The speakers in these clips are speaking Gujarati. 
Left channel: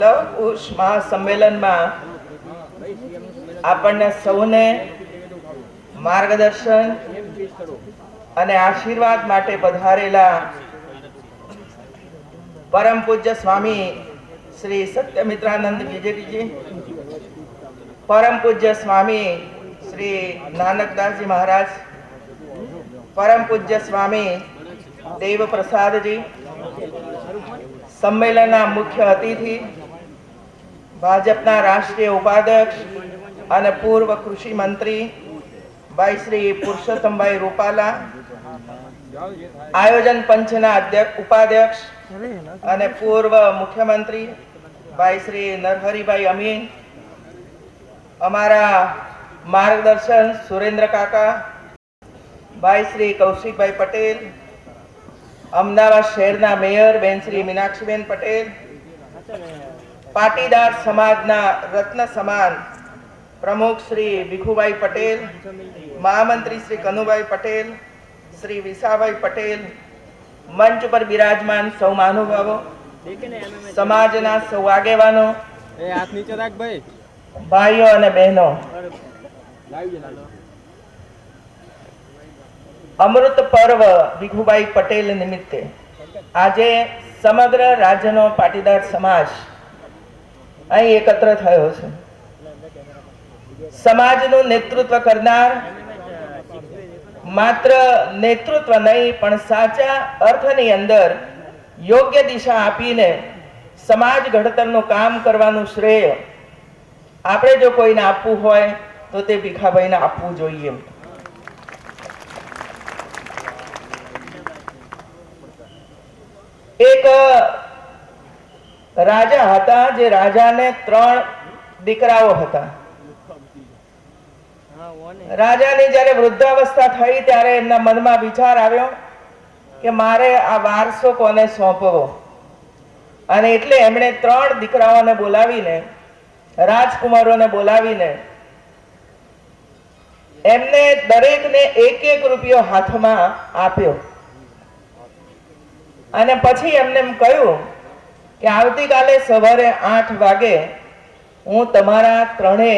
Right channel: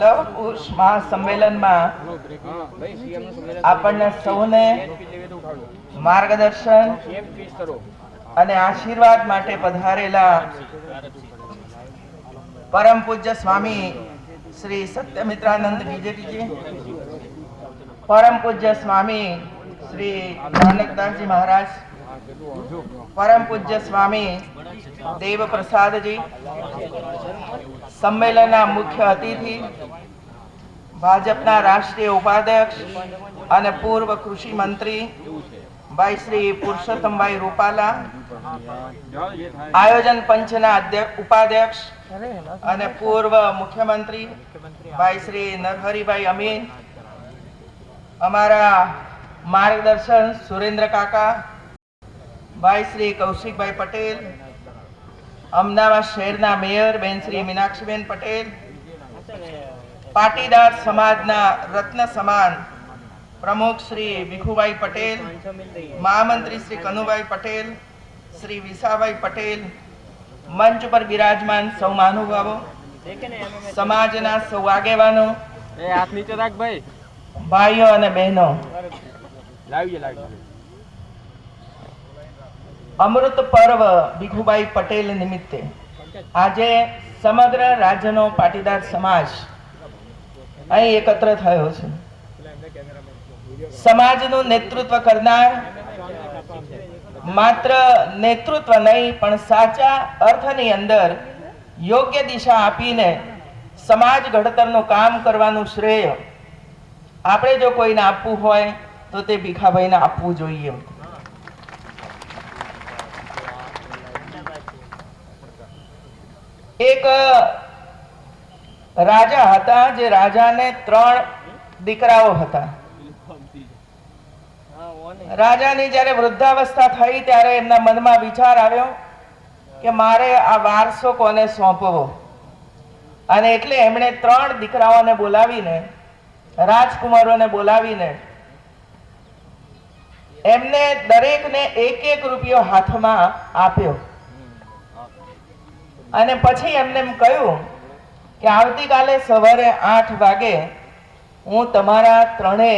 લવકુશ મહાસંમેલનમાં આપણને સૌને માર્ગદર્શન અને આશીર્વાદ માટે પધારેલા પરમ પૂજ્ય સ્વામી શ્રી સત્યમિત્રાનંદ ગિરજીજી, પરમ પૂજ્ય સ્વામી શ્રી નાનકદાસજી મહારાજ, પરમ પૂજ્ય સ્વામી દેવ પ્રસાદજી, સંમેલનના મુખ્ય અતિથિ, ભાજપના રાષ્ટ્રીય ઉપાધ્યક્ષ અને પૂર્વ કૃષિ મંત્રી ભાઈ શ્રી પુરુષોત્તમભાઈ રૂપાલા, આયોજન પંચના ઉપાધ્યક્ષ અને પૂર્વ મુખ્યમંત્રી ભાઈ શ્રી નરહરિભાઈ અમીન, અમારા માર્ગદર્શન સુરેન્દ્ર કાકા, ભાઈ શ્રી કૌશિકભાઈ પટેલ, અમદાવાદ શહેરના મેયર બેન શ્રી મીનાક્ષીબેન પટેલ, પાટીદાર સમાજના રત્ન સમાન પ્રમુખ શ્રી ભીખુભાઈ પટેલ, મહામંત્રી શ્રી કનુભાઈ પટેલ, શ્રી વિસાભાઈ પટેલ, મંચ પર બિરાજમાન સૌ મહાનુભાવો, સમાજના સૌ આગેવાનો, ભાઈઓ અને બહેનો, અમૃત પર્વ ભીખુભાઈ પટેલ નિમિત્તે આજે સમગ્ર રાજ્યનો પાટીદાર સમાજ અહીં એકત્ર થયો છે. સમાજનું નેતૃત્વ કરનાર માત્ર નેતૃત્વ નહીં પણ સાચા અર્થની અંદર યોગ્ય દિશા આપીને સમાજ ઘડતરનું કામ કરવાનું શ્રેય આપણે જો કોઈને આપવું હોય તો તે ભીખાભાઈને આપવું જોઈએ. એક રાજા હતા, જે રાજાને 3 દીકરાઓ હતા. રાજાની જ્યારે વૃદ્ધાવસ્થા થઈ ત્યારે એમના મનમાં વિચાર આવ્યો કે મારે આ વારસો કોને સોંપવો, અને એટલે એમણે 3 દીકરાઓને બોલાવીને, રાજકુમારોને બોલાવીને એમને દરેકને 1-1 રૂપિયો હાથમાં આપ્યો અને પછી એમને એમ કહ્યું કે આવતીકાલે સવારે 8 વાગે હું તમારા 3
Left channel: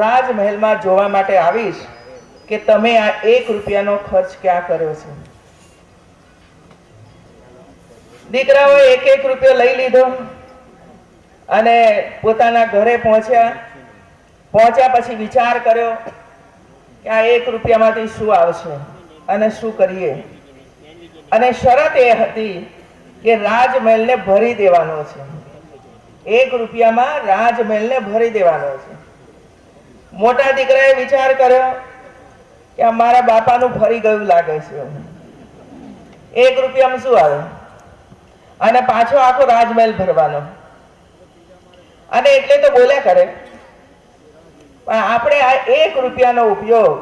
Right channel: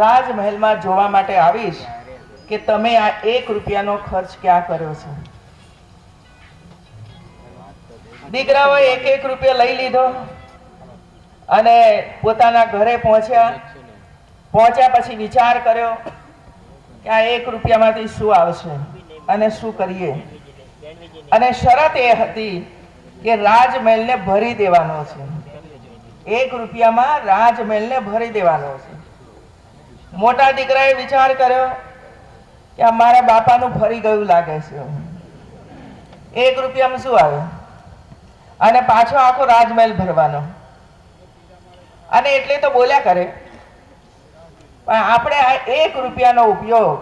રાજમહેલમાં જોવા માટે આવીશ કે તમે આ 1 રૂપિયાનો ખર્ચ ક્યાં કર્યો છે. દીકરાઓએ 1-1 રૂપિયો લઈ લીધો અને પોતાના ઘરે પહોંચ્યા પછી વિચાર કર્યો કે આ 1 રૂપિયામાંથી શું આવશે અને શું કરીએ, અને શરત એ હતી કે રાજમહેલને ભરી દેવાનો છે. 1 રૂપિયામાં રાજમહેલને ભરી દેવાનો છે. મોટા દીકરાએ વિચાર કર્યો કે આ મારા બાપાનું ફરી ગયું લાગે છે, 1 રૂપિયામાં શું આવે, અને પાછો આખો રાજમહેલ ભરવાનો. અને એટલે તો બોલ્યા કરે, પણ આપણે આ 1 રૂપિયાનો ઉપયોગ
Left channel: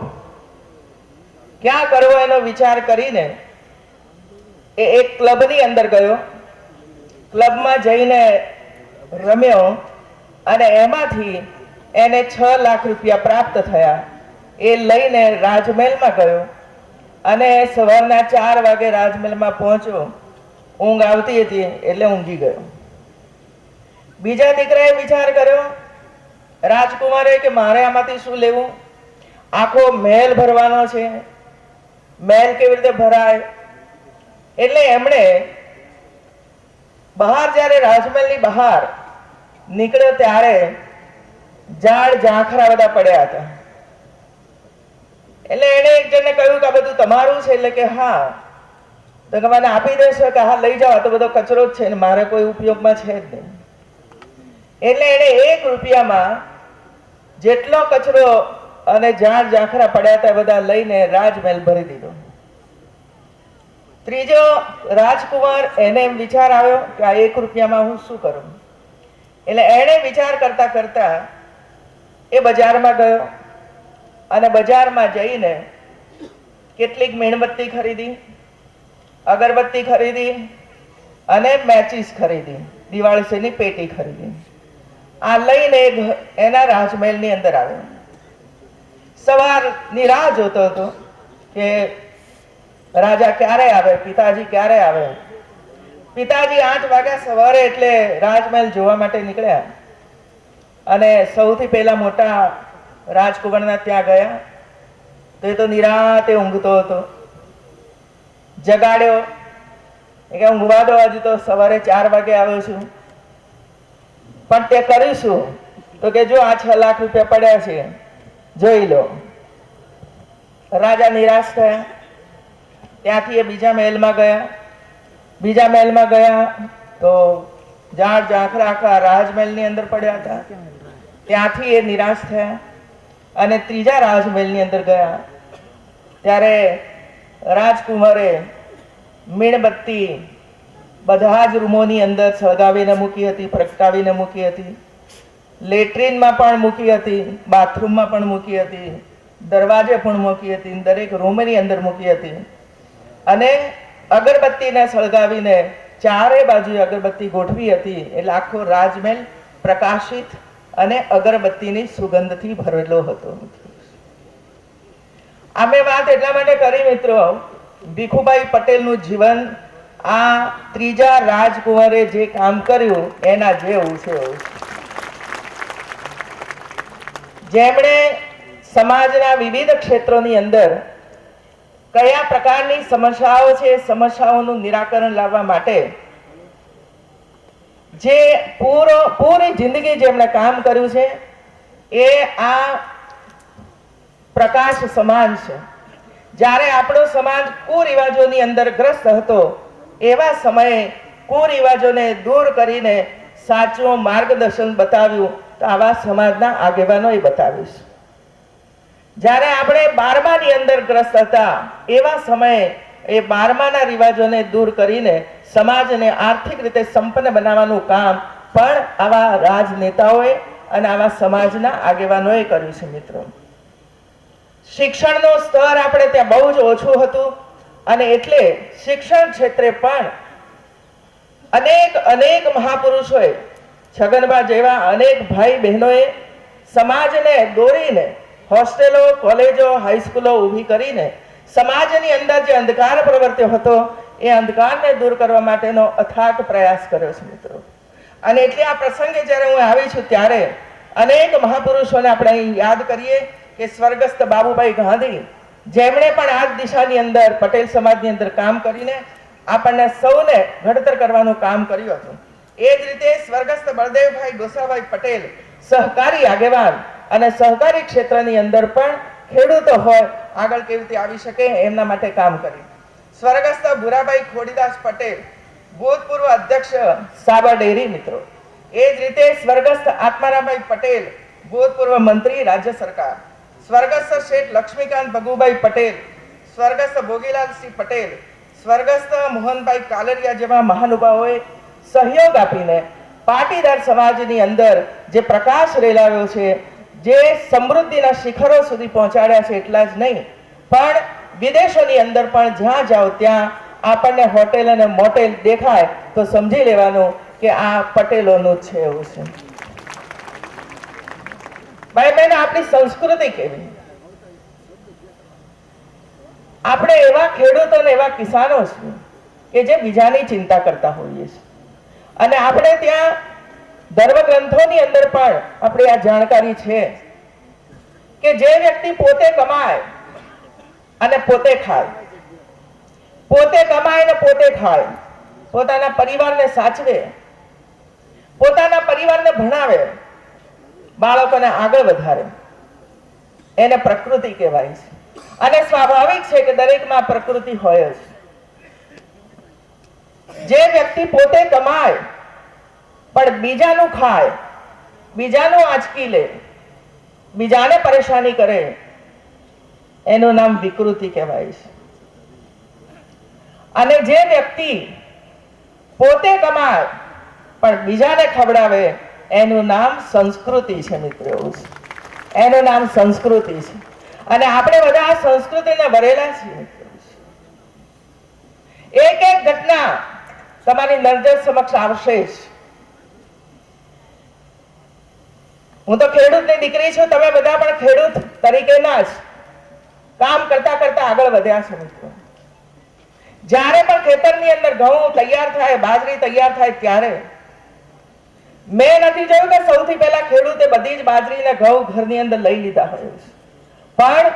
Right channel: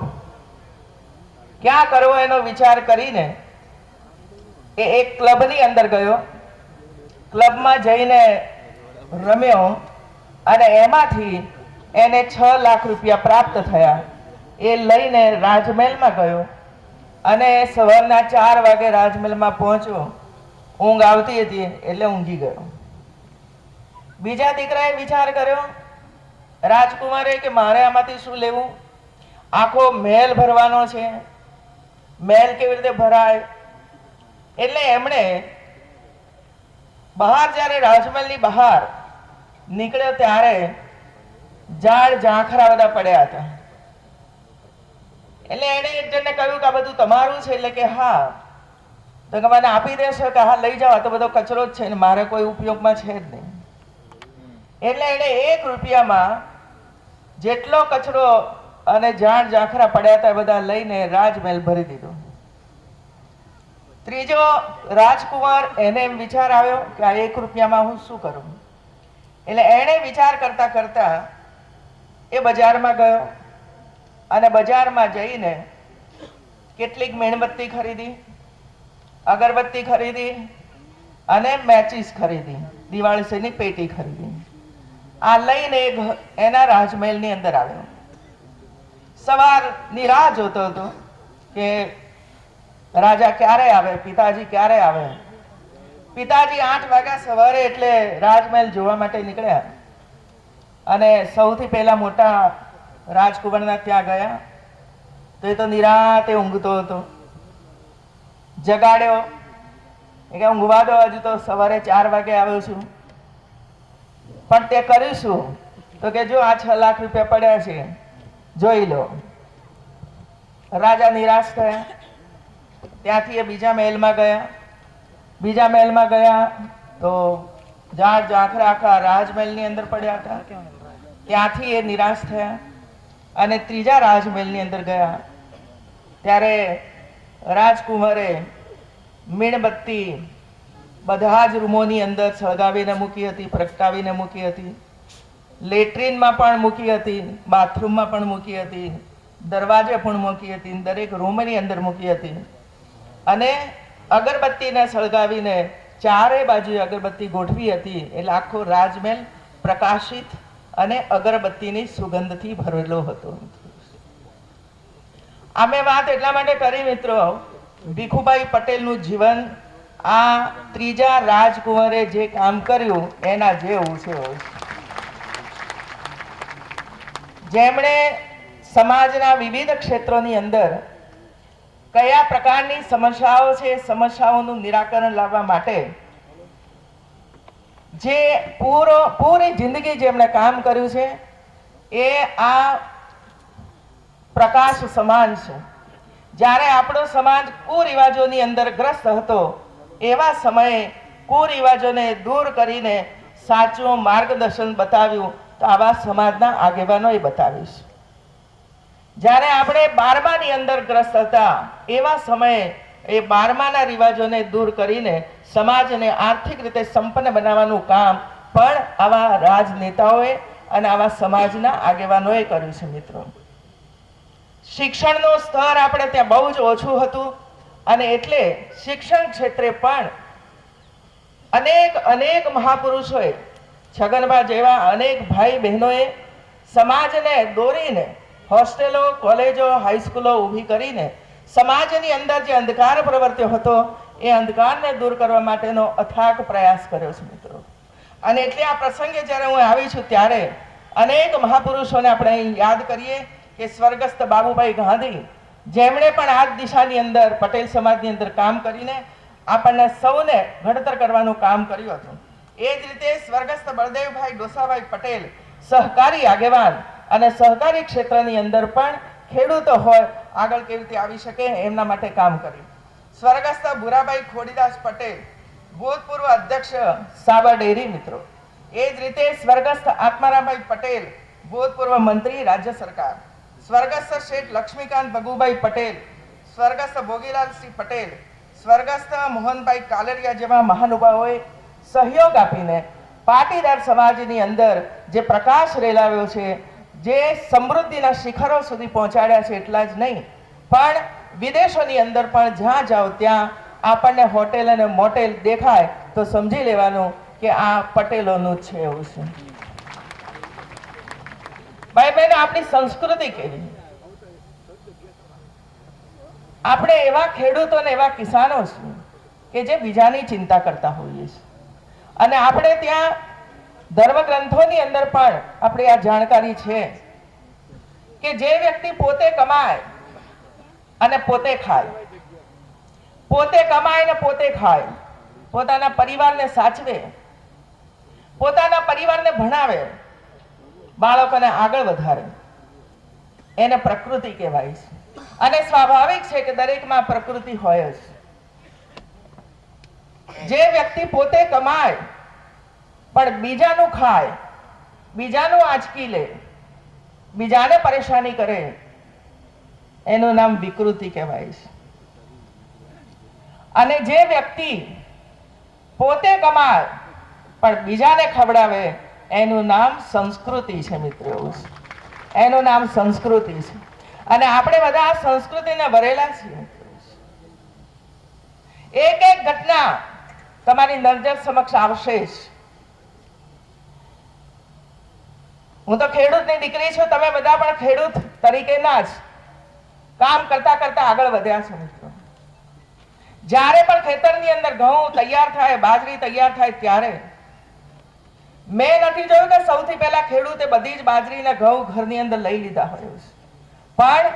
ક્યાં કરવો એનો વિચાર કરીને એ એક ક્લબની અંદર ગયો, ક્લબમાં જઈને રમ્યો અને એમાંથી એને 6 લાખ રૂપિયા પ્રાપ્ત થયા. એ લઈને રાજમહેલમાં ગયો અને સવારના 4 વાગે રાજમહેલમાં પહોંચ્યો. ઊંઘ આવતી હતી એટલે ઊંઘી ગયો. બીજા દીકરાએ વિચાર કર્યો, રાજકુમારે, કે મારે આમાંથી શું લેવું, આખો મહેલ ભરવાનો છે, મહેલ કેવી રીતે ભરાય. એટલે એમણે બહાર, જ્યારે રાજમહેલની બહાર નીકળ્યો ત્યારે ઝાડ ઝાંખરા બધા પડ્યા હતા. એટલે એને એક જણને કહ્યું કે આ બધું તમારું છે. એટલે કે હા. તો કે મને આપી દેશો? કે હા, લઈ જાઓ, આ તો બધો કચરો જ છે ને મારે કોઈ ઉપયોગમાં છે જ નહીં. એટલે એને 1 રૂપિયામાં જેટલો કચરો અને ઝાડ ઝાંખરા પડ્યા હતા બધા લઈને રાજમહેલ ભરી દીધો. ત્રીજો રાજકુમાર, એને એમ વિચાર આવ્યો કે આ 1 રૂપિયામાં હું શું કરું. એટલે એણે વિચાર કરતા કરતા એ બજારમાં ગયો અને બજારમાં જઈને કેટલીક મીણબત્તી ખરીદી, અગરબત્તી ખરીદી અને મેચીસ ખરીદી, દિવાળીની પેટી ખરીદી. આ લઈને એના રાજમહેલની અંદર આવ્યો. સવારની રાહ જોતો હતો કે રાજા ક્યારે આવે, પિતાજી ક્યારે આવે. પિતાજી 8 વાગ્યા સવારે એટલે રાજમહેલ જોવા માટે નીકળ્યા અને સૌથી પહેલા મોટા રાજકુમારના ત્યાં ગયા તો એ તો નિરાતે ઊંઘતો હતો. જગાડ્યો કે ઊંઘવા દો, હજુ તો સવારે 4 વાગે આવ્યો છું, પણ તે કરીશું. તો કે જો આ 6 લાખ રૂપિયા પડ્યા છે, જોઈ લો. રાજા નિરાશ થયા. ત્યાંથી એ બીજા મહેલમાં ગયા. બીજા મહેલમાં ગયા તો ઝાડ ઝાંખરા આખા રાજમહેલની અંદર પડ્યા હતા. ત્યાંથી એ નિરાશ થયા અને ત્રીજા રાજમહેલની અંદર ગયા. ત્યારે રાજકુમારે મીણબત્તી બધા જ રૂમોની અંદર સળગાવીને મૂકી હતી, પ્રગટાવીને મૂકી હતી. લેટ્રિનમાં પણ મૂકી હતી, બાથરૂમમાં પણ મૂકી હતી, દરવાજે પણ મૂકી હતી, દરેક રૂમની અંદર મૂકી હતી. અને અગરબત્તીને સળગાવીને ચારે બાજુ અગરબત્તી ગોઠવી હતી. એટલે આખો રાજમહેલ પ્રકાશિત અને અગરબત્તીની સુગંધથી ભરેલો હતો. અમે વાત એટલા માટે કરી મિત્રો, ભીખુભાઈ પટેલનું જીવન આ ત્રીજા રાજકુંવરે જે કામ કર્યું એના જેવું છે. જેમણે સમાજના વિવિધ ક્ષેત્રોની અંદર કયા પ્રકારની સમસ્યાઓ છે, સમસ્યાઓનું નિરાકરણ લાવવા માટે જે પૂરી જિંદગી જેમણે કામ કર્યું છે એ આ પ્રકાશ સમાન છે. જ્યારે આપણો સમાજ કુરિવાજોની અંદર ગ્રસ્ત હતો એવા સમયે કુરિવાજોને દૂર કરીને સાચું માર્ગદર્શન બતાવ્યું તો આવા સમાજના આગેવાનોએ બતાવ્યું છે. જ્યારે આપણે 12માની અંદર ગ્રસ્ત હતા એવા સમયે એ 12માના રિવાજોને દૂર કરીને સમાજને આર્થિક રીતે સંપન્ન બનાવવાનું કામ પણ આવા રાજનેતાઓએ અને આવા સમાજના આગેવાનોએ કર્યું છે. મિત્રો, શિક્ષણનું સ્તર આપણે ત્યાં બહુ જ ઓછું હતું અને એટલે શિક્ષણ ક્ષેત્રે પણ અનેક મહાપુરુષોએ, છગનભા જેવા અનેક ભાઈ બહેનોએ સમાજને દોરીને હોસ્ટેલો, કોલેજો, હાઈસ્કૂલો ઊભી કરીને સમાજની અંદર જે અંધકાર પ્રવર્ત્યો હતો એ અંધકારને દૂર કરવા માટેનો અથાગ પ્રયાસ કર્યો છે. મિત્રો, અને એટલે આ પ્રસંગે જ્યારે હું આવી છું ત્યારે અનેક મહાપુરુષોને આપણે અહીં યાદ કરીએ કે સ્વર્ગસ્થ બાબુભાઈ ગાંધી, જેમણે પણ આ દિશાની અંદર પટેલ સમાજની અંદર કામ કરીને આપણને સૌને ઘડતર કરવાનું કામ કર્યું હતું. એ જ રીતે સ્વર્ગસ્થ બળદેવભાઈ ગોસાભાઈ પટેલ, સહકારી આગેવાન અને સહકારી ક્ષેત્રની અંદર પણ ખેડૂતો હોય આગળ કેવી રીતે આવી શકે એમના માટે કામ કર્યું. સ્વર્ગસ્થ ભુરાભાઈ ખોડીદાસ પટેલ, ભૂતપૂર્વ અધ્યક્ષ સાબર ડેરી. મિત્રો, એ જ રીતે સ્વર્ગસ્થ આત્મારામભાઈ પટેલ, ભૂતપૂર્વ મંત્રી રાજ્ય સરકાર. સ્વર્ગસ્થ શેઠ લક્ષ્મીકાંત ભગુભાઈ પટેલ, સ્વર્ગસ્થ ભોગીલાલસિંહ પટેલ, સ્વર્ગસ્થ મોહનભાઈ કાલરિયા જેવા મહાનુભાવોએ સહયોગ આપીને પાટીદાર સમાજની અંદર જે પ્રકાશ રેલાવ્યો છે, જે સમૃદ્ધિના શિખરો સુધી પહોંચાડ્યા છે, એટલા જ નહીં પણ વિદેશોની અંદર પણ જ્યાં જાઓ ત્યાં આપણને હોટેલ અને મોટેલ દેખાય તો સમજી લેવાનું કે આ પટેલોનું જ છે. એવું છે. ભાઈ બહેન, આપણી સંસ્કૃતિ કેવી? આપણે એવા ખેડૂતો અને એવા કિસાનો છીએ કે જે બીજાની ચિંતા કરતા હોઈએ છીએ. અને આપણે ત્યાં ધર્મગ્રંથોની અંદર પણ આપણે આ જાણકારી છે કે જે વ્યક્તિ પોતે કમાય અને પોતે ખાય, પોતે કમાય અને પોતે ખાય, પોતાના પરિવારને સાચવે, પોતાના પરિવારને ભણાવે, બાળકોને આગળ વધારે, એને પ્રકૃતિ કહેવાય છે. અને સ્વાભાવિક છે કે દરેકમાં પ્રકૃતિ હોય જ. જે વ્યક્તિ પોતે કમાય પણ બીજાનું ખાય, બીજાનું આંચકી લે, બીજાને પરેશાની કરે, એનું નામ વિકૃતિ કહેવાય છે. અને જે વ્યક્તિ પોતે કમાય પણ બીજાને ખવડાવે એનું નામ સંસ્કૃતિ છે. મિત્રો, એનું નામ સંસ્કૃતિ છે. અને આપણે બધા આ સંસ્કૃતિને ભરેલા છીએ. એક એક ઘટના તમારી નજર સમક્ષ આવશે જ. હું તો ખેડૂતની દીકરી છું, તમે બધા પણ ખેડૂત તરીકેના જ કામ કરતા કરતા આગળ વધ્યા છો. મિત્રો, જ્યારે પણ ખેતરની અંદર ઘઉં તૈયાર થાય, બાજરી તૈયાર થાય ત્યારે મેં નથી જોયું કે સૌથી પહેલા ખેડૂતે બધી જ બાજરી ને ઘઉં ઘરની અંદર લઈ લીધા હોય, પણ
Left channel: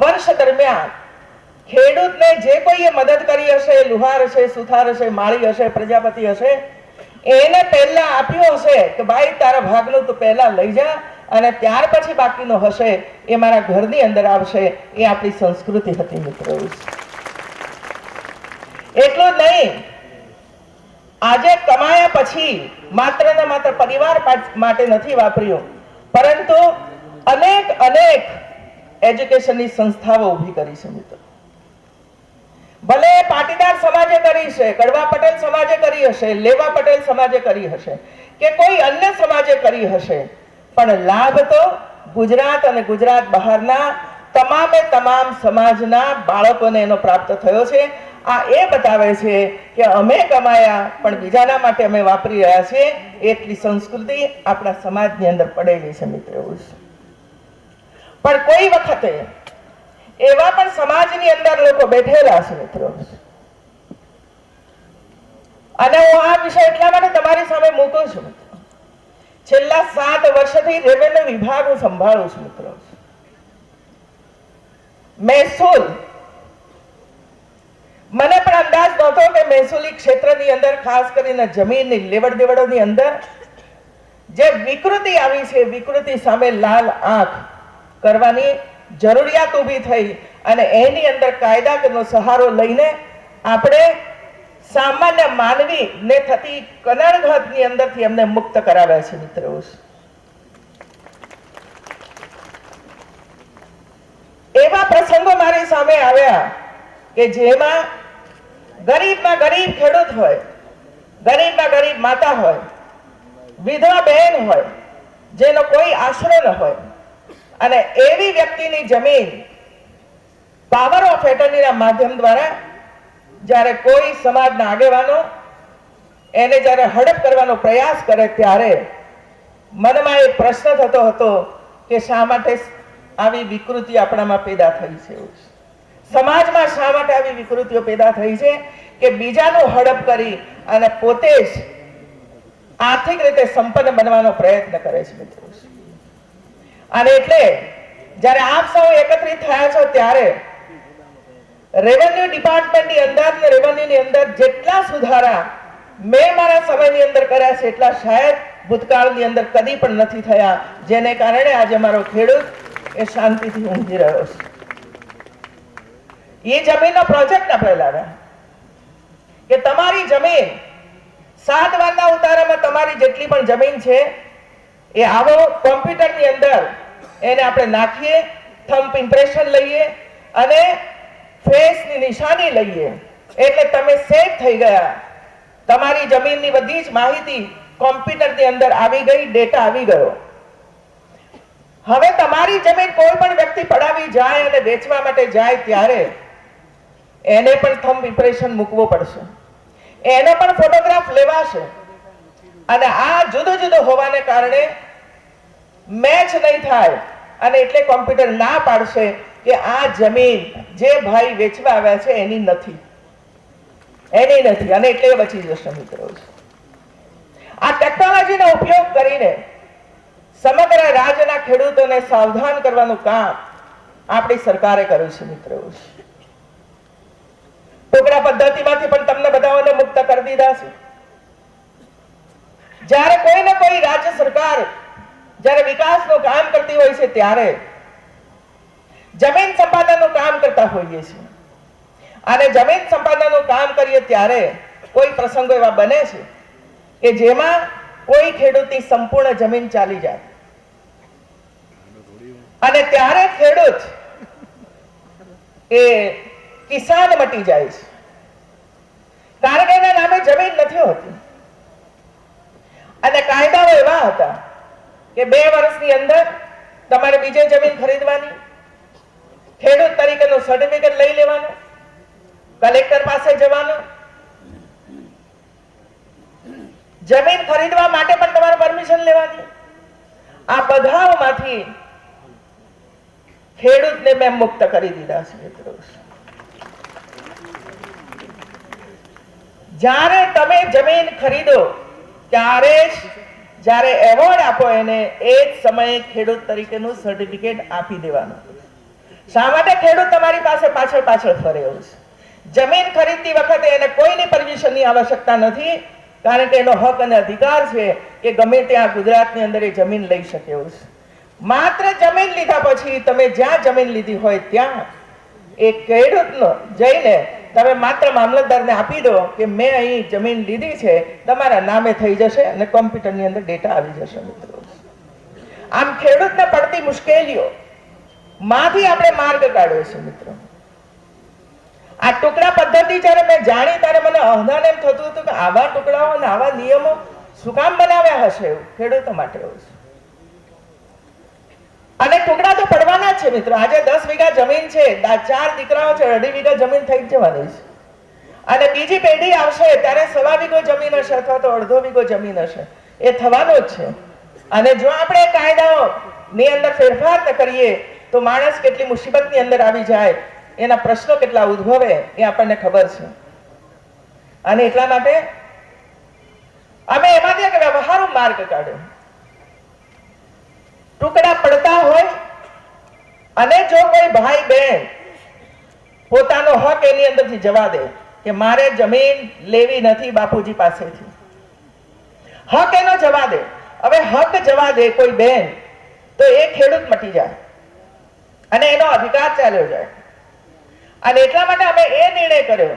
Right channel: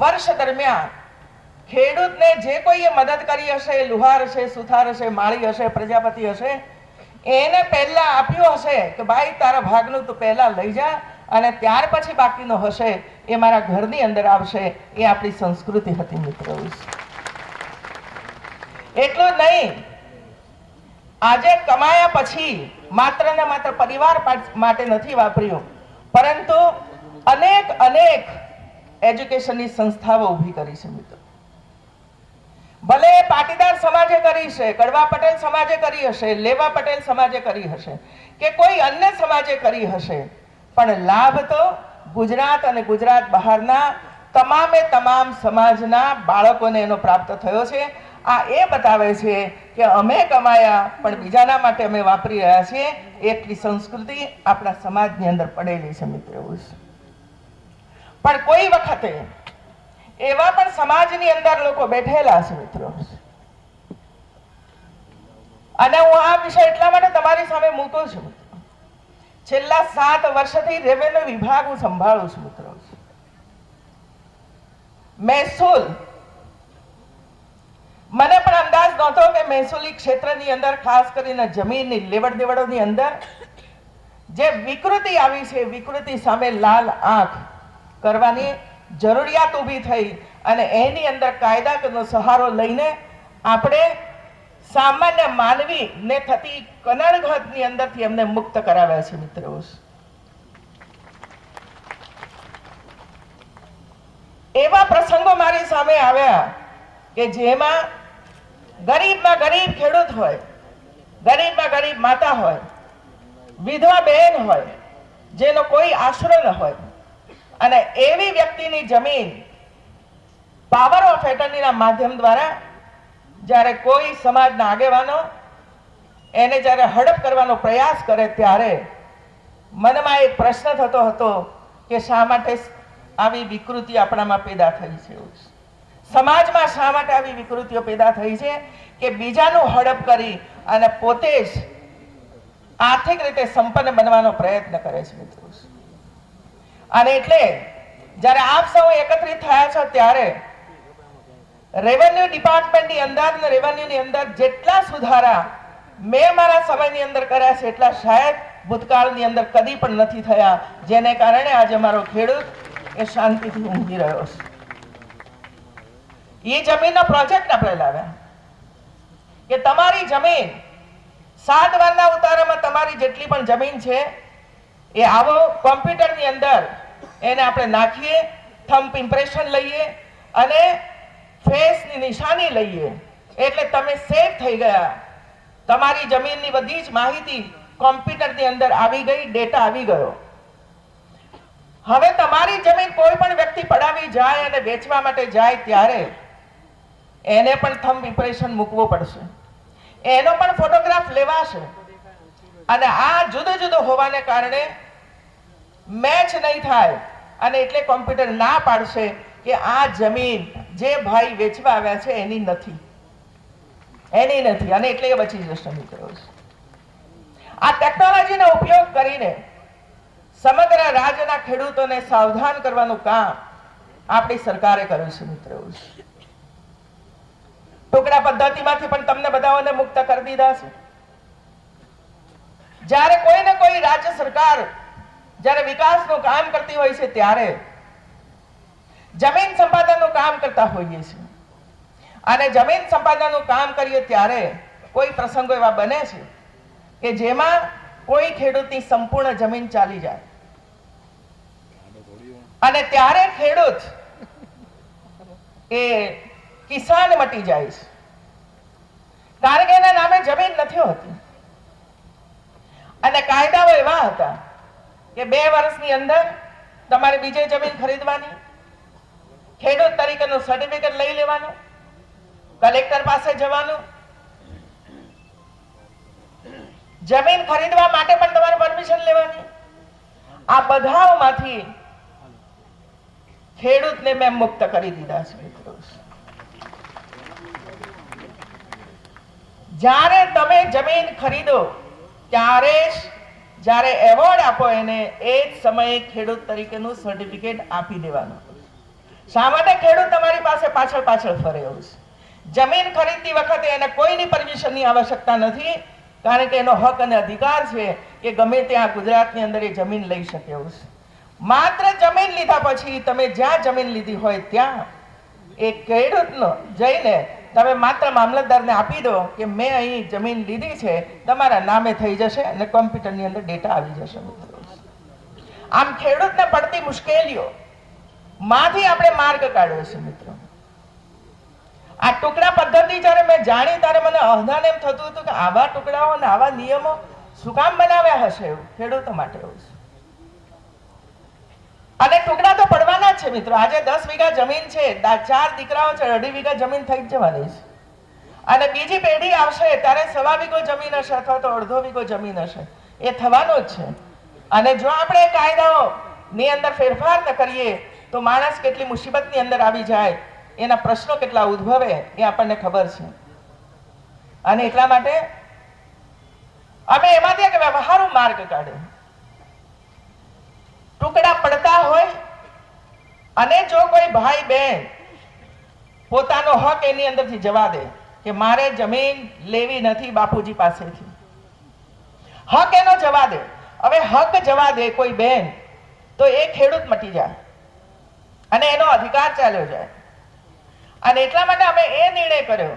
વર્ષ દરમિયાન ખેડૂતને જે કોઈએ મદદ કરી હશે, લુહાર હશે, સુથાર હશે, માળી હશે, પ્રજાપતિ હશે, એને પહેલા આપ્યું હશે કે ભાઈ તારા ભાગનું તું પહેલા લઈ જા અને ત્યાર પછી બાકીનો હશે એ મારા ઘરની અંદર આવશે. એ આપણી સંસ્કૃતિ હતી મિત્રો. એટલું જ નહીં, આજે કમાયા પછી માત્ર ને માત્ર પરિવાર માટે નથી વાપર્યું, પરંતુ અનેક અનેક એજ્યુકેશનની સંસ્થાઓ ઊભી કરી છે મિત્રો. ભલે પાટીદાર સમાજે કરી છે, કડવા પટેલ સમાજે કરી હશે, લેવા પટેલ સમાજે કરી હશે કે કોઈ અન્ય સમાજે કરી હશે, પણ લાભ તો ગુજરાત અને ગુજરાત બહારના તમામે તમામ સમાજના બાળકોને એનો પ્રાપ્ત થયો છે. આ એ બતાવે છે કે અમે કમાયા પણ બીજાના માટે અમે વાપરી રહ્યા છીએ. એટલી સંસ્કૃતિ આપણા સમાજની અંદર પડેલી છે મિત્રો. પણ કોઈ વખતે એવા પણ સમાજની અંદર લોકો બેઠેલા છે મિત્રો, અને હું આ વિષય એટલા માટે તમારી સામે મૂકું છું. છેલ્લા 7 વર્ષથી રેવન્યુ વિભાગ હું સંભાળું છું મિત્રો. મહેસૂલ, મને પણ અંદાજ નહોતો કે મહેસૂલી ક્ષેત્રની અંદર ખાસ કરીને જમીનની લેવડ દેવડોની અંદર જે વિકૃતિ આવી છે, વિકૃતિ સામે લાલ આંખ કરવાની જરૂરિયાત ઊભી થઈ અને એની અંદર કાયદાનો સહારો લઈને આપણે સામાન્ય માનવી ને થતી કનડઘાતની અંદરથી એમને મુક્ત કરાવ્યા છે મિત્રો. એવા પ્રસંગો મારી સામે આવ્યા કે જેમાં ગરીબમાં ગરીબ ખેડૂત હોય, ગરીબમાં ગરીબ માતા હોય, વિધવા બહેન હોય, જેનો કોઈ આશરો ન હોય, અને એવી વ્યક્તિની જમીન પાવર ઓફ એટર્નીના માધ્યમ દ્વારા જ્યારે કોઈ સમાજના આગેવાનો એને જ્યારે હડપ કરવાનો પ્રયાસ કરે ત્યારે મનમાં એક પ્રશ્ન થતો હતો કે શા માટે આવી વિકૃતિ આપણામાં પેદા થઈ છે, સમાજમાં શા માટે આવી વિકૃતિઓ પેદા થઈ છે કે બીજાનું હડપ કરી અને પોતે જ આર્થિક રીતે સંપન્ન બનવાનો પ્રયત્ન કરે છે મિત્રો. અને એટલે જ્યારે આપ સૌ એકત્રિત થયા છો ત્યારે રેવન્યુ ડિપાર્ટમેન્ટની અંદર ને રેવન્યુની અંદર જેટલા સુધારા મેં મારા સમયની અંદર કર્યા છે એટલા શાયદ ભૂતકાળની અંદર કદી પણ નથી થયા, જેને કારણે આજે મારો ખેડૂત એ શાંતિથી ઊંઘી રહ્યો છે. એ જમીનનો પ્રોજેક્ટ આપણે લાવ્યા કે તમારી જમીન 7 વારના ઉતારામાં તમારી જેટલી પણ જમીન છે એ આવો કોમ્પ્યુટરની અંદર એને આપણે નાખીએ, થંબ ઇમ્પ્રેશન લઈએ અને ફેસની નિશાની લઈએ એટલે તમે સેવ થઈ ગયા. તમારી જમીનની બધી જ માહિતી કોમ્પ્યુટરની અંદર આવી ગઈ, ડેટા આવી ગયો. હવે તમારી જમીન કોઈ પણ વ્યક્તિ પડાવી જાય અને વેચવા માટે જાય ત્યારે એને પણ થંબ ઇમ્પ્રેશન મૂકવો પડશે, એનો પણ ફોટોગ્રાફ લેવાશે, અને આ જુદું જુદું હોવાને કારણે મેચ નહીં થાય અને એટલે કોમ્પ્યુટર ના પાડશે કે આ જમીન જે ભાઈ વેચવા આવ્યા છે એની નથી, અને એટલે બચી જશે મિત્રો. આ ટેકનોલોજીનો ઉપયોગ કરીને સમગ્ર રાજ્યના ખેડૂતોને સાવધાન કરવાનું કામ આપણી સરકારે કર્યું છે મિત્રો. ટુકડા પદ્ધતિમાંથી પણ તમને બધાઓને મુક્ત કરી દીધા છે. જ્યારે કોઈ ને કોઈ રાજ્ય સરકાર જ્યારે વિકાસનું કામ કરતી હોય છે ત્યારે જમીન સંપાદનનું કામ કરતા હોઈએ છીએ, અને જમીન સંપાદનનું કામ કરીએ ત્યારે કોઈ પ્રસંગો એવા બને છે કે જેમાં કોઈ ખેડૂતની સંપૂર્ણ જમીન ચાલી જાય અને ત્યારે ખેડૂત એ કિસાન મટી જાય છે, કારણ કે એના નામે જમીન નથી હોતી. અને કાયદાઓ એવા હતા કે 2 વર્ષની અંદર તમારે બીજે જમીન ખરીદવાની, ખેડૂત તરીકેનું સર્ટિફિકેટ લઈ લેવાનું, કલેક્ટર પાસે જવાનું, જમીન ખરીદવા માટે પણ તમારે પરમિશન લેવાની. આ બધામાંથી ખેડૂતને મેં મુક્ત કરી દીધા છે મિત્રો. જ્યારે તમે જમીન ખરીદો ત્યારે જ્યારે એવોર્ડ આપો એને એ જ સમયે ખેડૂત તરીકેનું સર્ટિફિકેટ આપી દેવાનું. શા માટે ખેડૂત તમારી પાસે પાછળ પાછળ ફરે એવું છે? જમીન ખરીદતી વખતે એને કોઈની પરમિશનની આવશ્યકતા નથી, કારણ કે એનો હક અને અધિકાર છે કે ગમે ત્યાં ગુજરાતની અંદર એ જમીન લઈ શકે એવું છે. માત્ર જમીન લીધા પછી તમે જ્યાં જમીન લીધી હોય ત્યાં એ ખેડૂતનો જઈને તમે માત્ર મામલતદારને આપી દો કે મેં અહીં જમીન લીધી છે, તમારા નામે થઈ જશે અને કોમ્પ્યુટરની અંદર ડેટા આવી જશે મિત્રો. આમ ખેડૂતને પડતી મુશ્કેલીઓ માંથી આપણે માર્ગ કાઢ્યો છે મિત્રો. આ ટુકડા પદ્ધતિ જ્યારે મેં જાણી ત્યારે મને અહદાન એમ થતું હતું કે આવા ટુકડાઓ અને આવા નિયમો શું કામ બનાવ્યા હશે એવું ખેડૂતો માટે એવું છે. અને ટુકડા તો પડવાના જ છે મિત્રો. આજે 10 વીઘા જમીન છે, 4 દીકરાઓ છે, 2.5 વીઘા જમીન થઈ જ જવાની છે. અને બીજી પેઢી આવશે ત્યારે 1.25 વીઘો જમીન હશે અથવા તો 1.5 વીઘો જમીન હશે, એ થવાનો જ છે. અને જો આપણે કાયદાઓ ની અંદર ફેરફાર ન કરીએ તો માણસ કેટલી મુસીબતની અંદર આવી જાય, એના પ્રશ્નો કેટલા ઉદ્ભવે એ આપણને ખબર છે. અને એટલા માટે અમે એમાંથી એક વ્યવહારુ માર્ગ કાઢ્યો. ટુકડા પડતા હોય અને જો કોઈ ભાઈ બહેન પોતાનો હક એની અંદરથી જવા દે કે મારે જમીન લેવી નથી બાપુજી પાસેથી, હક એનો જવા દે. હવે હક જવા દે કોઈ બેન તો એ ખેડૂત મટી જાય અને એનો અધિકાર ચાલ્યો જાય. અને એટલા માટે અમે એ નિર્ણય કર્યો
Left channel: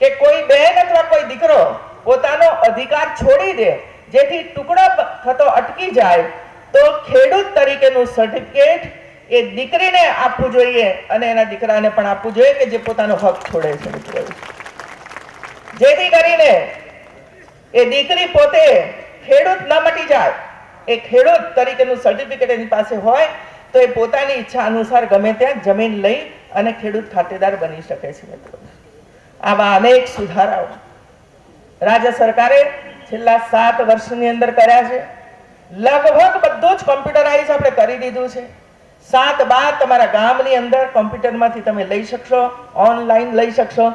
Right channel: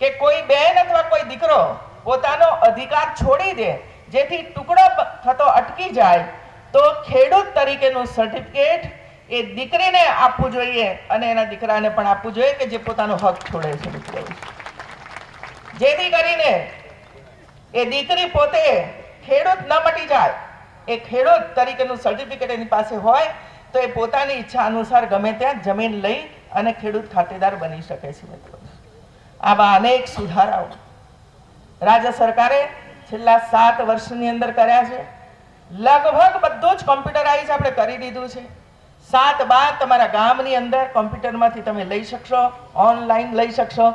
કે કોઈ બેન અથવા કોઈ દીકરો પોતાનો અધિકાર છોડી દે જેથી ટુકડો થતો અટકી જાય તો ખેડૂત તરીકેનું સર્ટિફિકેટ એ દીકરીને આપવું જોઈએ અને એના દીકરાને પણ આપવું જોઈએ કે જે પોતાનો હક છોડે છે મિત્રો. જેથી કરીને એ દીકરી પોતે ખેડૂત ન મટી જાય, એ ખેડૂત તરીકેનું સર્ટિફિકેટ એની પાસે હોય તો એ પોતાની ઈચ્છા અનુસાર ગમે ત્યાં જમીન લઈ અને ખેડૂત ખાતેદાર બની શકે છે મિત્રો. આવા અનેક સુધારાઓ રાજ્ય સરકારે છેલ્લા 7 વર્ષની અંદર કર્યા છે. લગભગ બધું જ કોમ્પ્યુટરાઇઝ આપણે કરી દીધું છે. 7 બાદ તમારા ગામની અંદર કોમ્પ્યુટરમાંથી તમે લઈ શકશો, ઓનલાઈન લઈ શકશો.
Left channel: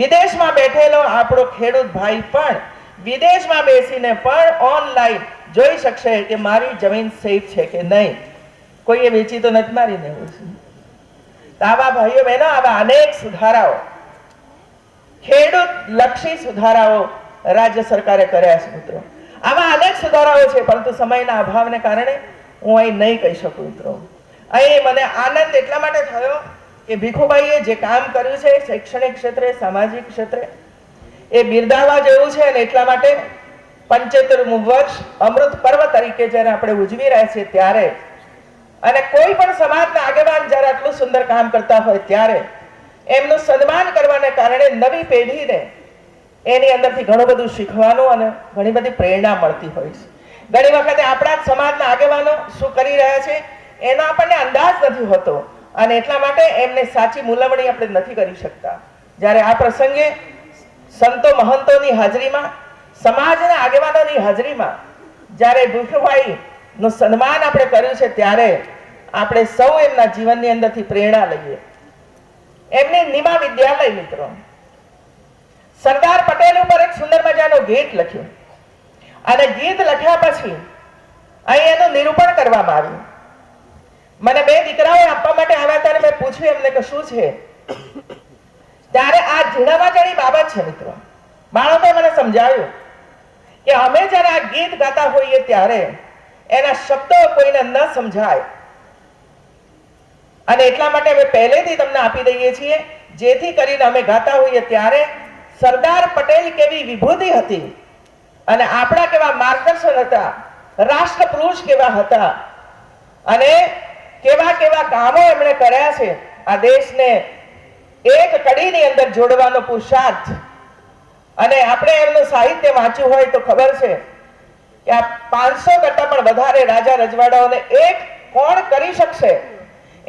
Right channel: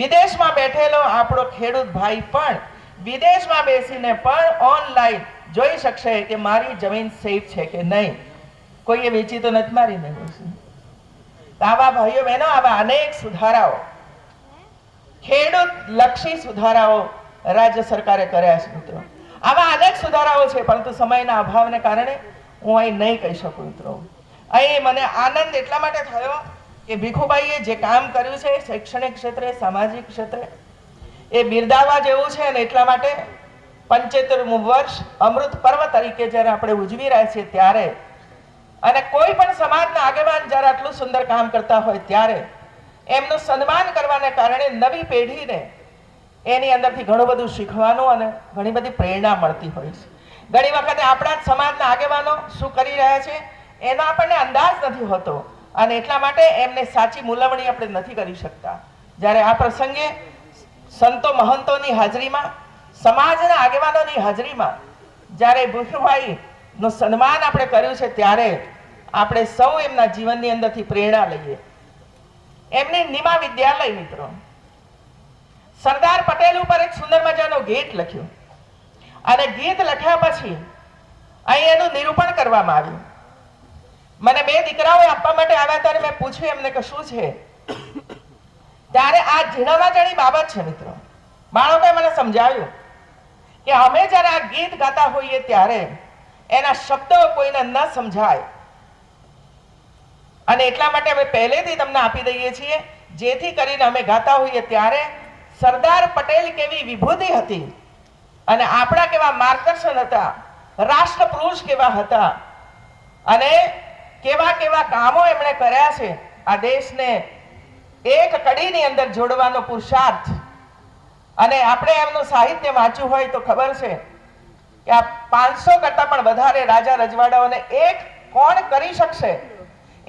વિદેશમાં બેઠેલો આપણો ખેડૂત ભાઈ પણ વિદેશમાં બેસીને પણ ઓનલાઈન જોઈ શકશે કે મારી જમીન સેફ છે કે નહીં, કોઈએ વેચી તો નથી મારી નહીં. આવા ભાઈઓ બહેનો આવા અનેક સુધારાઓ, ખેડૂત લક્ષી સુધારાઓ રાજ્ય સરકારે કર્યા છે મિત્રો. આવા અનેક સુધારાઓ છે પરંતુ સમયના અભાવને કારણે હું અહીં નહીં કહી શકું મિત્રો. અહીં મને આનંદ એટલા માટે થયો કે ભીખુભાઈએ જે કામ કર્યું છે શૈક્ષણિક ક્ષેત્રે, સામાજિક ક્ષેત્રે, એ બિરદાવવા જેવું છે. અને એટલા માટે 75મું વર્ષ અમૃત પર્વ તરીકે જ્યારે આપણે ઉજવી રહ્યા છીએ ત્યારે અને કોઈ પણ સમાજના આગેવાન જ્યારે આટલું સુંદર કામ કરતા હોય ત્યારે એમનું સન્માન કરવાને કારણે નવી પેઢીને એની અંદરથી ઘણું બધું શીખવાનું અને ઘણી બધી પ્રેરણા મળતી હોય છે. ઘણી વખતે આપણા જ સમાજના આગેવાનો શું કરી રહ્યા છે એનો આપણને અંદાજ નથી હોતો અને એટલા માટે એમને સાચી મૂલવણી આપણે નથી કરી શકતા. જ્યારે આ પ્રસંગે સંતો મહંતોની હાજરીમાં, સમાજના આગેવાનોની હાજરીમાં જ્યારે ભીખુભાઈ નું સન્માન આપણે કર્યું છે ત્યારે આપણે સૌ એમના જીવનની અંદરથી પ્રેરણા લઈએ. એમની નિમા વિદ્યાલય મિત્રો, સરદાર પટેલ ઉપર એક સુંદર મજાનો ગીત લખ્યું અને ગીત લખ્યા પછી અહીં એનું નિરૂપણ કરવામાં આવ્યું. મને 2 દીકરાઓ આપવા માટે આવ્યા ત્યારે મેં પૂછ્યું એમને કે શું છે, ત્યારે આ ઝીણામાં ઝીણી બાબત છે મિત્રો. બાળકોએ મને સમજાવ્યું કે અમે જ્યારે આ ગીત ગાતા હોઈએ ત્યારે એના શબ્દો કોઈને ન સમજાય અને એટલા માટે અમે પહેલેથી તમને આપી દઈએ છીએ જેથી કરીને અમે ગાતા હોઈએ ત્યારે સરદાર પટેલ કેવી વિભૂતિ હતી અને આપણા કેવા માર્ગદર્શન હતા, રાષ્ટ્રપુરુષ કેવા હતા અને કેવા કેવા કામો એમણે કર્યા છે. આ દેશને એક કડીની અંદર જોડવાનો પુરુષાર્થ. અને આપણે એમનું સાહિત્ય વાંચ્યું હોય તો ખબર છે કે આ 500 કરતા પણ વધારે રાજા રજવાડાઓને એક કોણ કરી શકશે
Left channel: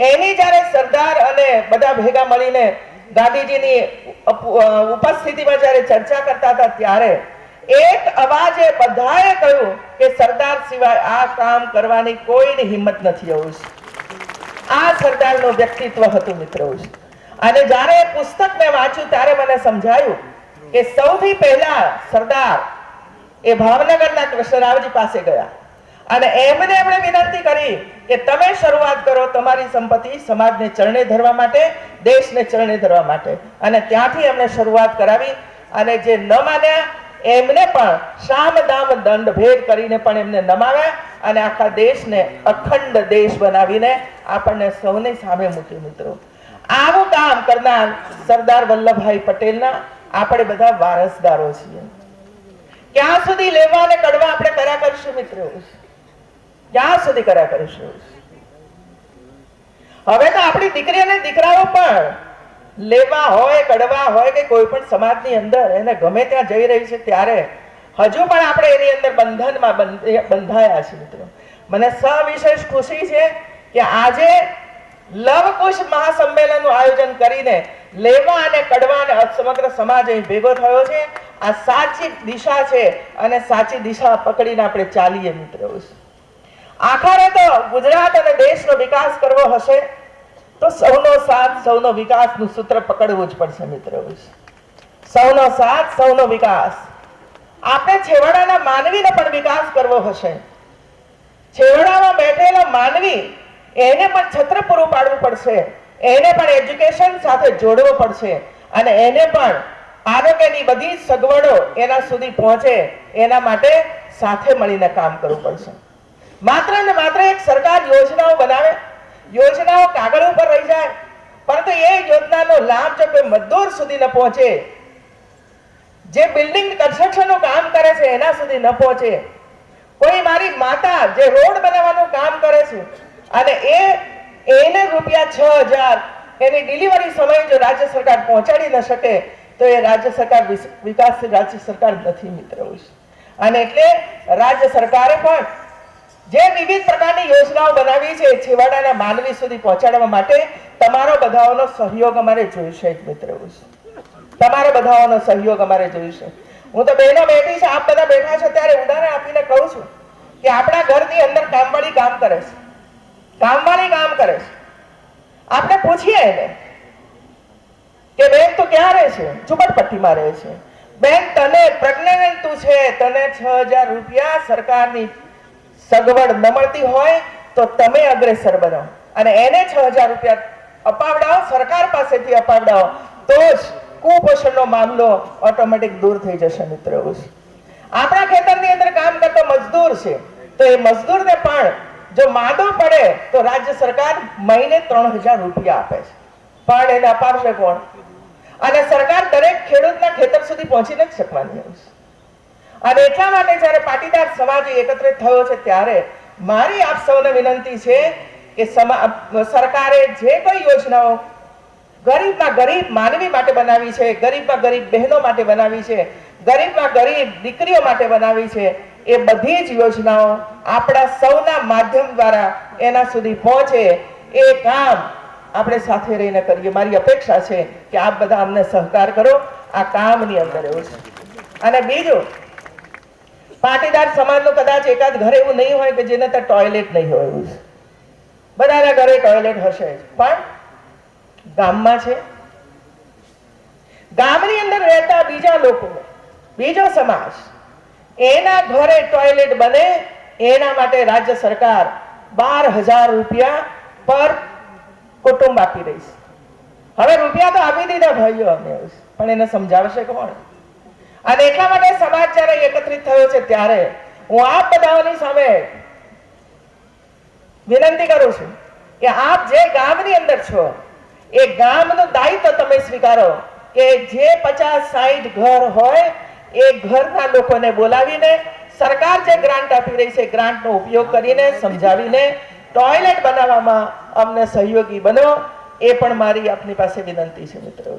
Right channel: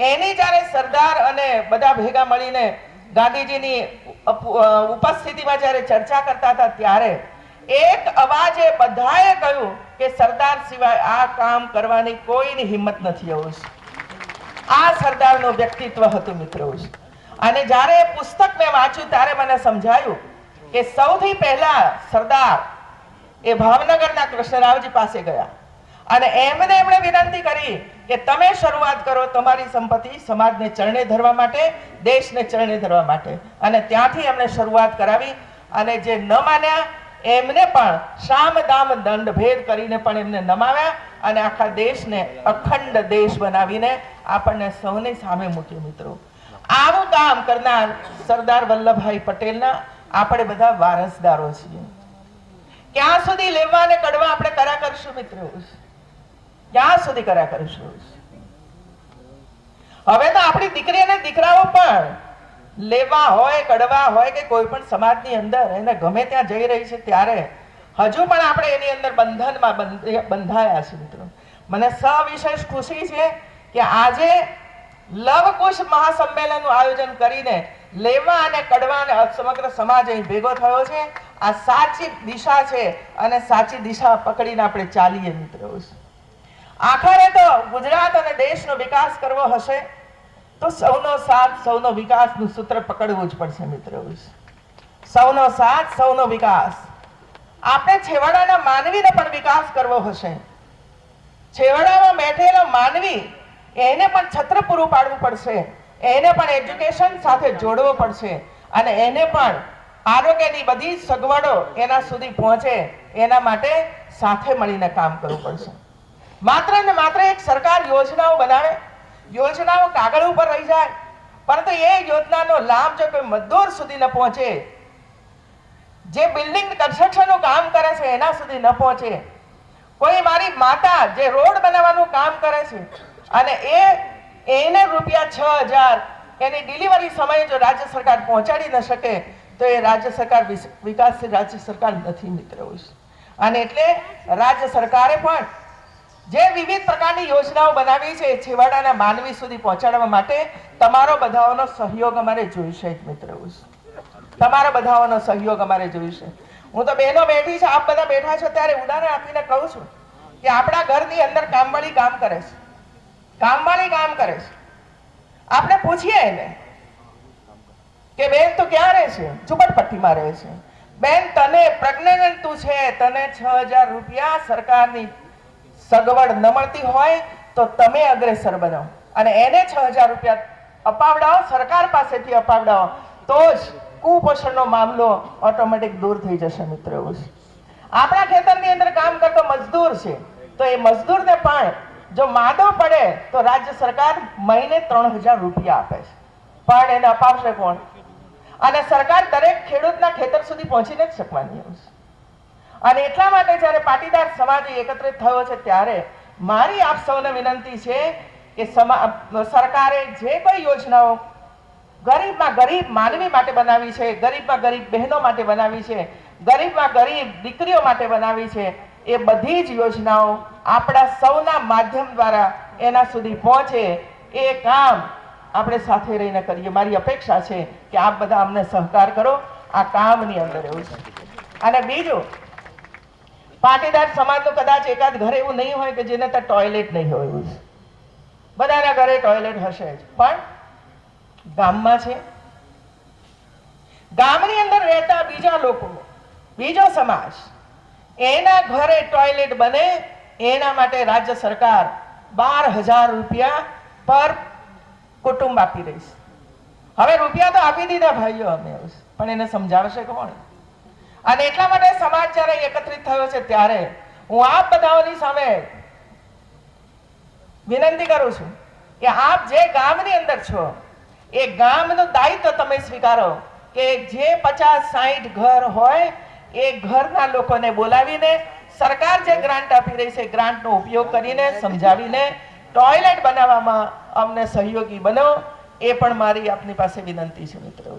એની જ્યારે સરદાર અને બધા ભેગા મળીને ગાંધીજીની ઉપસ્થિતિમાં જ્યારે ચર્ચા કરતા હતા ત્યારે એક અવાજે બધાએ કહ્યું કે સરદાર સિવાય આ કામ કરવાની કોઈની હિંમત નથી. એવું આ સરદારનું વ્યક્તિત્વ હતું મિત્રો. અને જ્યારે પુસ્તક મેં વાંચ્યું ત્યારે મને સમજાયું કે સૌથી પહેલા સરદાર એ ભાવનગરના કૃષ્ણરાવજી પાસે ગયા અને એમને એમણે વિનંતી કરી કે તમે શરૂઆત કરો તમારી સંપત્તિ સમાજને ચરણે ધરવા માટે, દેશને ચરણે ધરવા માટે. અને ત્યાંથી એમણે શરૂઆત કરાવી. અને જે ન માન્યા એમને પણ સામ દામ દંડ ભેદ કરીને પણ એમને નમાવ્યા અને આખા દેશને અખંડ દેશ બનાવીને આપણને સૌની સામે મૂકી. મિત્રો, આવું કામ કરનાર સરદાર વલ્લભભાઈ પટેલના આપણે બધા વારસદારો છીએ. ક્યાં સુધી લેવા અને કડવા આપણે કર્યા કરીશું મિત્રો? ક્યાં સુધી કર્યા કરીશું? હવે તો આપણી દીકરી અને દીકરાઓ પણ લેવા હોય, કડવા હોય કે કોઈ પણ સમાજની અંદર એને ગમે ત્યાં જઈ રહી છે ત્યારે હજુ પણ આપણે એની અંદર બંધનમાં બંધાયા છે. મિત્રો, મને સવિશેષ ખુશી છે કે આજે લવકુશ મહાસંમેલનનું આયોજન કરીને લેવા અને કડવા અને સમગ્ર સમાજ અહીં ભેગો થયો છે. આ સાચી દિશા છે અને સાચી દિશા પકડીને આપણે ચાલીએ. મિત્રો, આખરે તો ગુજરાત અને દેશનો વિકાસ કરવો હશે તો સૌનો સાથ, સૌનો વિકાસનું સૂત્ર પકડવું જ પડશે. મિત્રો, સૌનો સાથ, સૌનો વિકાસ. આપણે છેવાડાના માનવીને પણ વિકાસ કરવો હશે. છેવાડામાં બેઠેલો માનવી એને પણ છત્ર પૂરું પાડવું પડશે, એને પણ એજ્યુકેશન સાથે જોડવો પડશે અને એને પણ આરોગ્યની બધી સગવડો એના સુધી પહોંચે એના માટે સાથે મળીને કામ કરવું પડશે. માત્ર ને માત્ર એક સરકાર યોજનાઓ બનાવે, યોજનાઓ કાગળ ઉપર રહી જાય, પરંતુ એ યોજનાનો લાભ જો કોઈ મજદૂર સુધી ન પહોંચે, જે બિલ્ડિંગ કન્સ્ટ્રક્શનનું કામ કરે છે એના સુધી ન પહોંચે, કોઈ મારી માતા જે રોડ બનાવવાનું કામ કરે છે અને એને રૂપિયા 6,000 એની ડિલિવરી સમયે જો રાજ્ય સરકાર પહોંચાડી ન શકે તો એ રાજ્ય સરકાર વિકાસ રાજ્ય સરકાર નથી. મિત્રો, અને એટલે રાજ્ય સરકારે પણ જે વિવિધ પ્રકારની યોજનાઓ બનાવી છે છેવાડાના માનવી સુધી પહોંચાડવા માટે તમારો બધાનો સહયોગ અમારે જોઈશે. મિત્રો, તમારો બધાનો સહયોગ અમારે જોઈશે. હું તો બહેનો બેઠી છે, આપ બધા બેઠા છો ત્યારે ઉદાહરણ આપીને કહું છું કે આપણા ઘરની અંદર કામવાળી કામ કરે છે, કામવાળી કામ કરે છે. આપણે પૂછીએ એને કે બેન તું ક્યાં રહે છે? ઝુંપડપટ્ટીમાં રહે છે. બેન તને પ્રેગ્નન્ટ તું છે, તને 6,000 રૂપિયા સરકારની સગવડ ન મળતી હોય તો તમે અગ્રેસર બનો અને એને 6,000 રૂપિયા અપાવડાવો, સરકાર પાસેથી અપાવડાવો, તો જ કુપોષણનો મામલો ઓટોમેટિક દૂર થઈ જશે. મિત્રો, આપણા ખેતરની અંદર કામ કરતો મજદૂર છે તો એ મજદૂરને પણ જો માદો પડે તો રાજ્ય સરકાર મહિને 3,000 રૂપિયા આપે છે, પણ એને અપાવશે કોણ? અને સરકાર દરેક ખેડૂતના ખેતર સુધી પહોંચી નથી શકવાની. અને એટલા માટે જ્યારે પાટીદાર સમાજ એકત્રિત થયો છે ત્યારે મારી આપ સૌને વિનંતી છે કે સરકારે જે કોઈ યોજનાઓ ગરીબમાં ગરીબ માનવી માટે બનાવી છે, ગરીબમાં ગરીબ બહેનો માટે બનાવી છે, ગરીબમાં ગરીબ દીકરીઓ માટે બનાવી છે, એ બધી જ યોજનાઓ આપણા સૌના માધ્યમ દ્વારા એના સુધી પહોંચે એ કામ આપણે સાથે રહીને કરીએ. મારી અપેક્ષા છે કે આપ બધા અમને સહકાર કરો આ કામની અંદર. એવું છે. અને બીજું, પાટીદાર સમાજનું કદાચ એકાદ ઘરે એવું નહીં હોય કે જેને ત્યાં ટોયલેટ નહીં હોય. એવું છે. બધાના ઘરે ટોયલેટ હશે, પણ ગામમાં છે, ગામની અંદર રહેતા બીજા લોકો, બીજો સમાજ, એના ઘરે ટોયલેટ બને એના માટે રાજ્ય સરકાર 12,000 રૂપિયા પર કુટુંબ આપી રહી છે. હવે રૂપિયા તો આપી દીધા ભાઈઓ અમને, પણ એને સમજાવશે કોણ? અને એટલા માટે સમાજ જ્યારે એકત્રિત થયો છે ત્યારે હું આપ બધાની સામે વિનંતી કરું છું કે આપ જે ગામની અંદર છો એ ગામનું દાયિત્વ તમે સ્વીકારો કે જે 50-60 ઘર હોય એ ઘરના લોકોને બોલાવીને સરકાર જે ગ્રાન્ટ આપી રહી છે ગ્રાન્ટનો ઉપયોગ કરીને સમજાવીને ટોયલેટ બનાવવામાં અમને સહયોગી બનો. એ પણ મારી આપની પાસે વિનંતી છે. મિત્રો,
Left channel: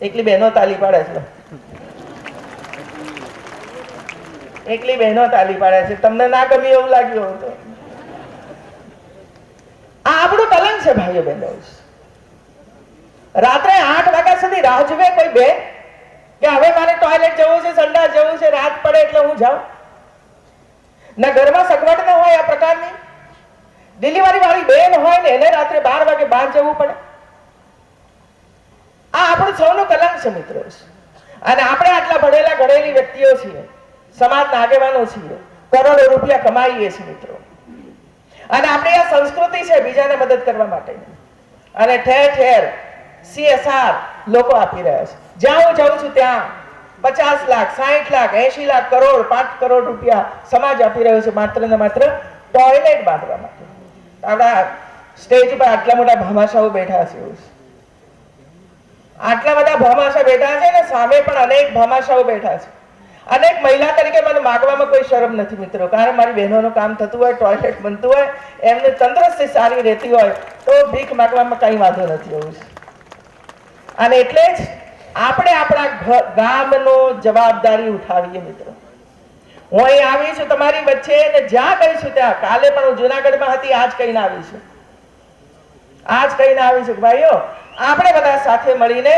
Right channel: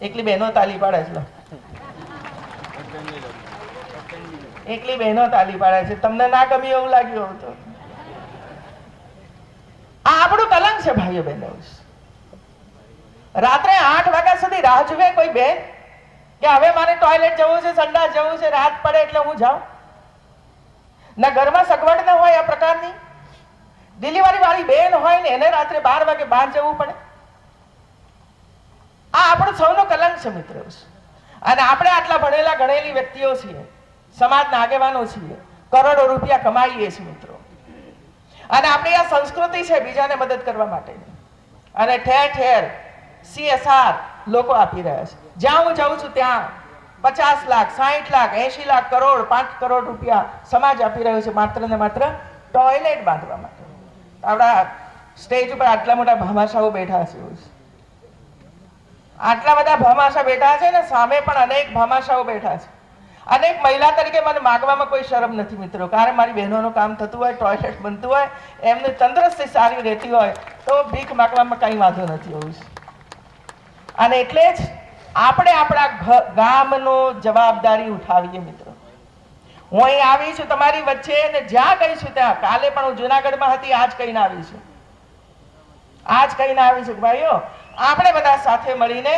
એકલી બહેનો તાલી પાડે છે, એકલી બહેનો તાલી પાડે છે. તમને ના ગમી એવું લાગ્યું તો આ આપણું કલંક છે ભાઈઓ બહેનો. રાત્રે 8 વાગ્યા સુધી રાહ જુએ કોઈ બેન કે હવે મારે ટોયલેટ જવું છે, સંડાસ જવું છે, રાત પડે એટલે હું જાઉં? ના ઘરમાં સગવડ ન હોય આ પ્રકારની. ડિલિવરી વાળી બેન હોય ને એને રાત્રે 12 વાગે બહાર જવું પડે. આ આપણું સૌનું કલંક છે મિત્રો. અને આપણે આટલા ભણેલા ગણેલી વ્યક્તિઓ છીએ, સમાજના આગેવાનો છીએ, કરોડો રૂપિયા કમાઈએ છીએ મિત્રો, અને આપણી આ સંસ્કૃતિ છે બીજાને મદદ કરવા માટે, અને ઠેર ઠેર CSR લોકો આપી રહ્યા છે. જ્યાં હું જાઉં છું ત્યાં 50 લાખ, 60 લાખ, 80 લાખ, કરોડ, 5 કરોડ રૂપિયા સમાજ આપી રહ્યો છે માત્ર ને માત્ર ટોયલેટ બાંધવા માટે. આપણા સ્ટેજ ઉપર આટલા મોટા ભામાશાઓ બેઠા છે, આટલા બધા ભામાશા બેઠા છે ને સામે પણ અનેક ભામાશાઓ બેઠા છે. અનેક મહિલા તરીકે મને માગવામાં કોઈ શરમ નથી મિત્રો, કારણ મારી બહેનોનું કામ થતું હોય, ટોયલેટ બનતું હોય, એમને તંદુરસ્તી સારી રહેતી હોય તો ભીખ માગવામાં કઈ વાંધો નથી હોવું. અને એટલે જ આપણે આપણા ગામનો જવાબદારી ઉઠાવીએ મિત્રો. હું અહીં આવી છું તમારી વચ્ચે, અને જ્યાં ગઈ છું ત્યાં, કાલે પણ હું જુનાગઢમાં હતી, આજ કહીને આવી છું કે ભાઈઓ આપણે બધા સાથે મળીને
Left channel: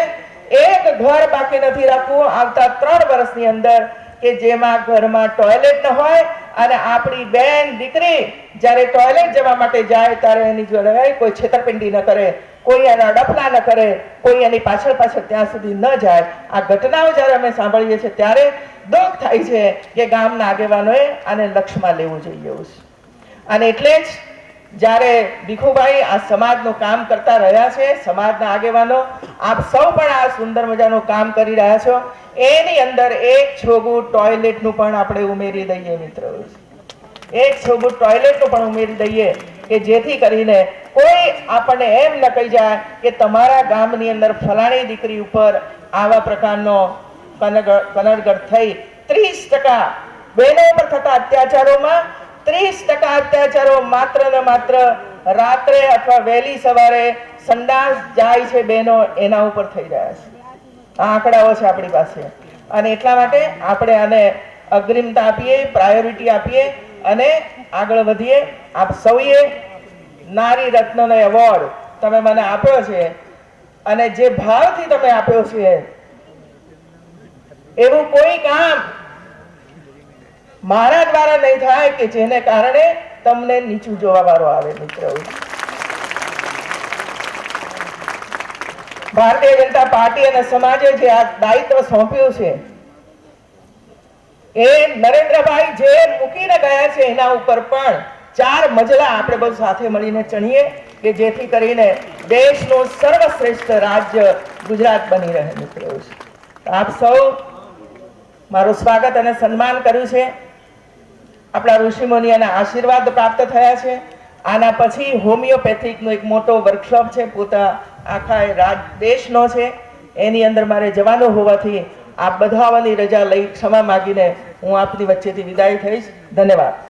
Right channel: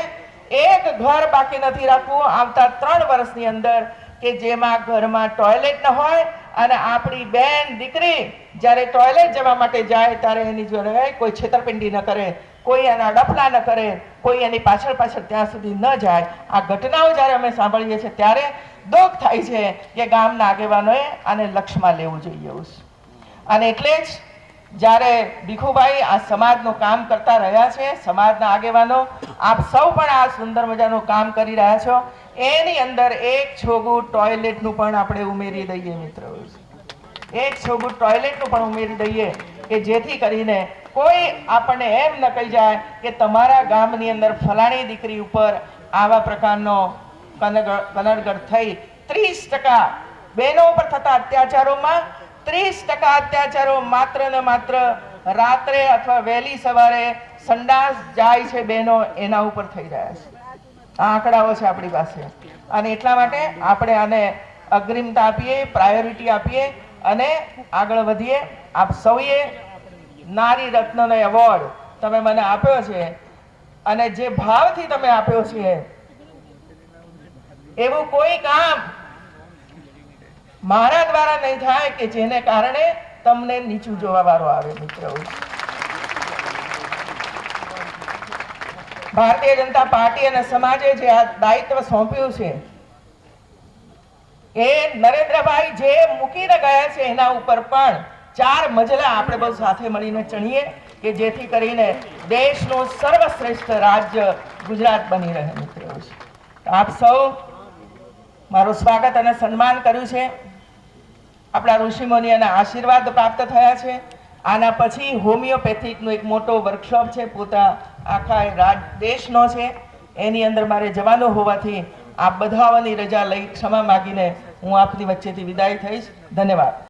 એક ઘર બાકી નથી રાખવું આવતા 3 વર્ષની અંદર કે જેમાં ઘરમાં ટોયલેટ ન હોય, અને આપણી બેન દીકરી જ્યારે ટોયલેટ જવા માટે જાય ત્યારે એની જોડે કોઈ છેતરપિંડી ન કરે, કોઈ એના ડફલા ન કરે, કોઈ એની પાછળ ત્યાં સુધી ન જાય. આ ઘટનાઓ જ્યારે અમે સાંભળીએ છીએ ત્યારે દુઃખ થાય છે કે ગામના આગેવાનોએ આને લક્ષ્યમાં લેવું જોઈએ. અને એટલે જ જ્યારે ભીખુભાઈ આ સમાજનું કામ કરતા રહ્યા છે, સમાજના આગેવાનો આપ સૌ પણ આ સુંદર મજાનું કામ કરી રહ્યા છો, એની અંદર એક છોગું ટોયલેટનું પણ આપણે ઉમેરી દઈએ મિત્રો, એક છોગું ટોયલેટનું પણ ઉમેરી દઈએ કે જેથી કરીને કોઈ આપણને એમ ન કહી જાય કે તમારા ગામની અંદર ફલાણી દીકરી ઉપર આવા પ્રકારનો કનડગત થઈ. 30% બહેનો પર થતા અત્યાચારોમાં 30% અત્યાચારો માત્ર ને માત્ર રાત્રે અથવા વહેલી સવારે સંડાસ જાય છે બહેનો, એના ઉપર થઈ રહ્યા છે. આ આંકડાઓ છે આપણી પાસે, અને એટલા માટે આપણે આને અગ્રિમતા આપીએ, પ્રાયોરિટી આપીએ અને આગળ વધીએ. આપ સૌએ નારી રત્નનો એવોર્ડ તમે મને આપ્યો છે, અને જે ભાવથી તમે આપ્યો છે એવું કોઈ કામ મારા દ્વારા નહીં થાય કે જેને કારણે તમને નીચું જોવા વાળો આવે મિત્રો. ભારતીય જનતા પાર્ટી અને સમાજે જે આ દાયિત્વ સોંપ્યું છે એ નરેન્દ્રભાઈ જે મૂકીને ગયા છે એના ઉપર પણ 4 મજલા આપણે બધું સાથે મળીને ચણીએ કે જેથી કરીને દેશનું સર્વશ્રેષ્ઠ રાજ્ય ગુજરાત બની રહે મિત્રો. આપ સૌ મારું સ્વાગત અને સન્માન કર્યું છે. આપણા ઋષિમુનિઓના આશીર્વાદ પ્રાપ્ત થયા છે. આના પછી હોમિયોપેથિકનો એક મોટો વર્કશોપ છે, પોતા આખા દેશનો છે, એની અંદર મારે જવાનું હોવાથી આપ બધાઓની રજા લઈ ક્ષમા માગીને હું આપની વચ્ચેથી વિદાય થઈશ. ધન્યવાદ.